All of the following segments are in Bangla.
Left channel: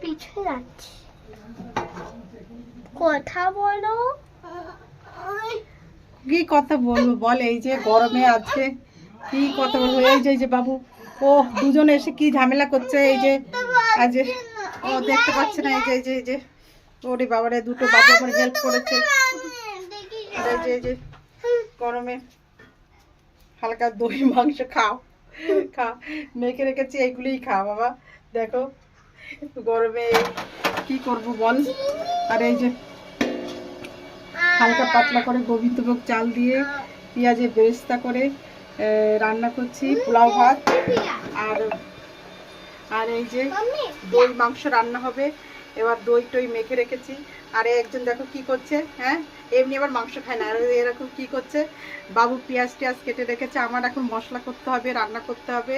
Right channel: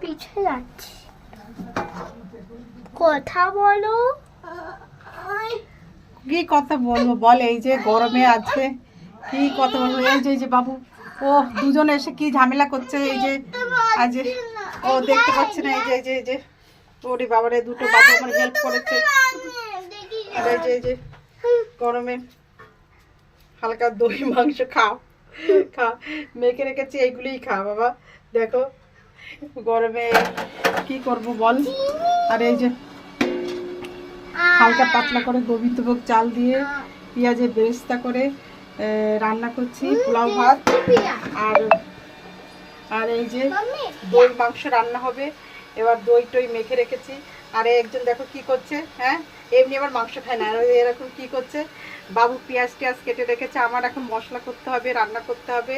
পিছনে যাচ্ছি, কথা বলো। কি কথা বলবো বল? এই যে গরমে আজকে কি কথা বলবো? এই যে বাবু, ও দুজনে এসে কি ঝামেলা করছে। এই যে আজ ও দেখতে পাচ্ছে না। এই যে ওরে বাবারে, দুটো বাবু আমার হেল্প করেছে। আর এই যে গরমে হালকা দই মাংস খাও, খা, মেখে রেখেছি, এইগুলিই খা বাবা। দেখো গরমে কি করব বল। আর এই যে হালকা পাতলা করে গোবিন্দভোগ চাল দিয়ে পেঁয়াজের বেরেস্তা করে রান্না করছি, পোলাও ভাত। আর আর এই যে দই মাংস রান্না হবে। এবার দই টই মেখে রেখেছি। আর একজন দেখো কি করছে, হ্যাঁ এমনি আবার মাংস খায় না, আর এরকম কি করছে। বাবু পেঁয়াজ টিয়াজ কেটে রেখেছে, আমার এখন মশলা করতে হবে, রান্না করতে হবে।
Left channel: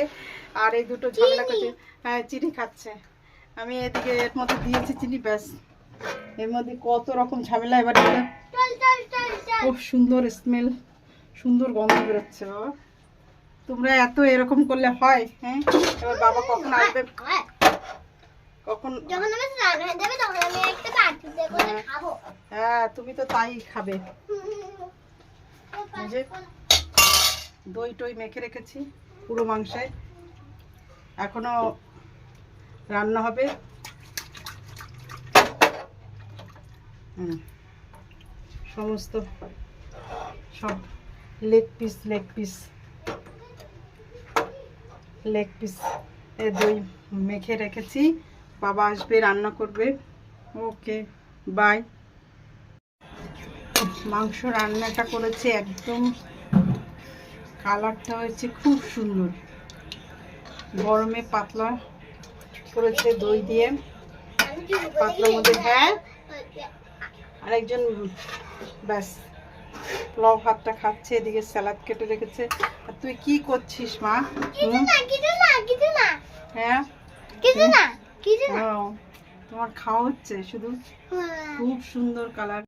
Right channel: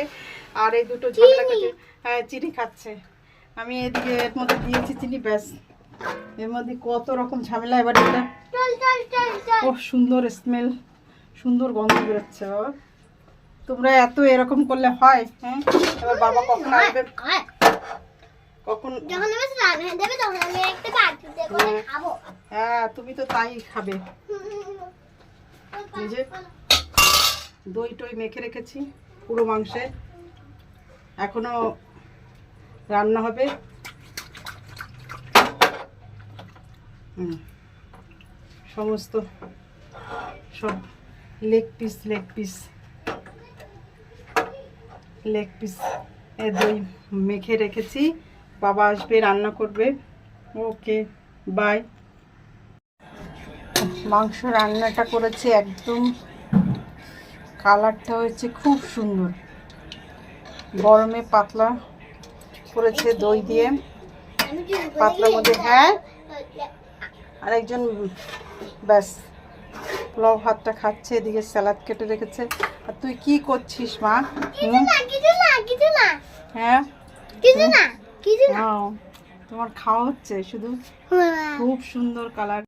আর এই দুটো ঝামেলা করছে। হ্যাঁ চিনি খাচ্ছে, আমি এদিকে এর মধ্যে দিয়েছি চিনি, ব্যাস। এর মধ্যে কত রকম ঝামেলা। এবার খুব সুন্দর স্মেল, সুন্দর গন্ধ বেরোচ্ছে বাবা। তোমরা এত এরকম করলে হয়? হ্যাঁ এবার বাবা কখন আসবে, কখন? হ্যাঁ তুমি তো তাই খাবে। দই টই মেখে রেখেছি পুরো মাংসে, এখনো রান্না হবে। সমস্ত সব লেগ পিস দই মেখে রেখেছি। বাবা আসবে, রান্না করবে। Okay bye. মাংস রান্নাটা করেছি, একদম কালারটা হয়েছে খুব সুন্দর। গরমে পাতলা করেছে দই দিয়ে, পাতলার মধ্যে। হ্যাঁ আরেকজন ব্যাস পোলাও ভাতটা খাচ্ছে, এদিকে স্যালাড কেটে রেখেছে। আর তুই কি করছিস মা? হ্যাঁ তোমার খাওয়া হচ্ছে শুধু। খুব সুন্দর কালার।